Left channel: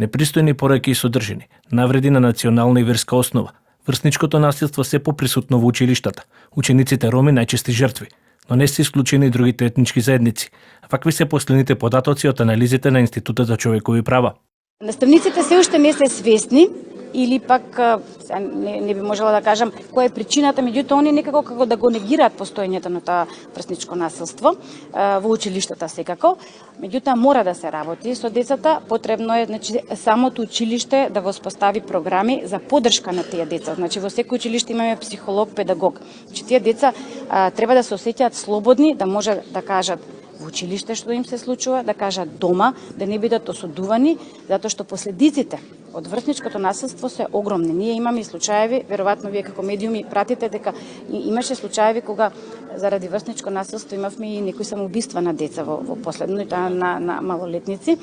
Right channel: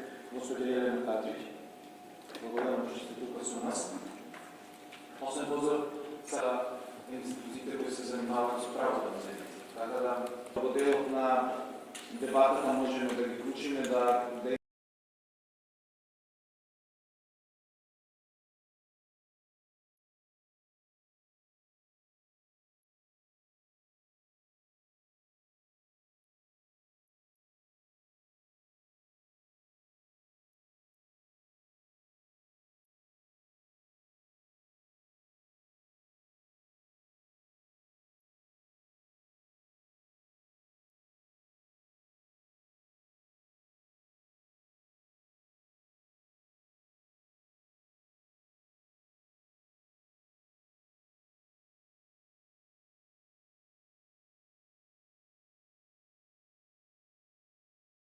Непристојни пораки и содржини, навреди на национална и верска основа. Врсничкото насилство се поприсутно во училиштата. Учениците роми најчести жртви, но не се исклучени и другите етнички заедници. Какви се последните податоци од анализите на Институтот за човекови права? Наставниците се уште не се свесни или пак не би можела да кажам која е причината, меѓутоа они некако како да го негираат постоењето на тоа врсничко насилство во училиштата секако. Меѓутоа мора да се работи со децата, потребно е самото училиште да воспостави програми за поддршка на тие деца. Во секој училиште имаме психолог, педагог. Тие деца треба да се осеќаат слободни, да може да кажат во училиште што им се случува, да кажат дома, да не бидат осудувани, затоа што последиците од врсничкото насилство се огромни. Ние имаме случаеви, веројатно вие како медиуми пратите дека имаше случаеви кога заради врсничко насилство имавме и некои самоубиства на деца во последно, и тоа на малолетници.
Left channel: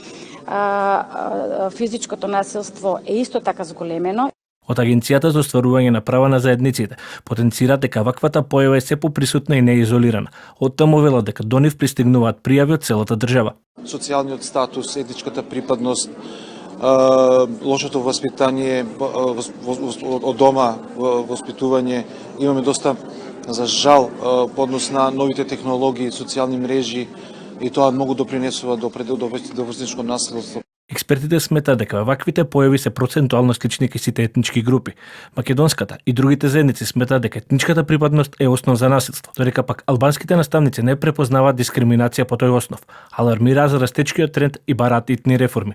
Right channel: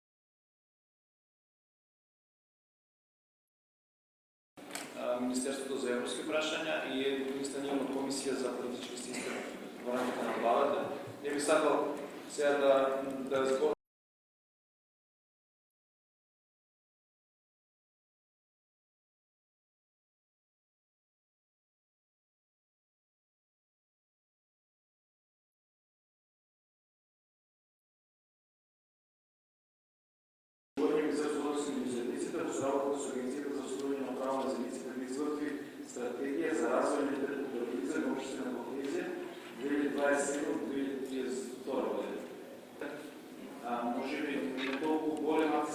Физичкото насилство е исто така зголемено. Од Агенцијата за остварување на права на заедниците потенцира дека ваквата појава е се поприсутна и не е изолирана. Од таму велат дека до нив пристигнуваат пријави од целата држава. Социјалниот статус, етничката припадност, лошото воспитание од дома, воспитување, имаме доста, за жал, по однос на новите технологии, социјални мрежи, и тоа многу допринесува до врсничко насилство. Експертите сметаат дека ваквите појави се процентуално слични кај сите етнички групи. Македонската и другите заедници сметаат дека етничката припадност е основ за насилство, додека пак албанските наставници не препознаваат дискриминација по тој основ, алармираат за растечкиот тренд и бараат итни реформи.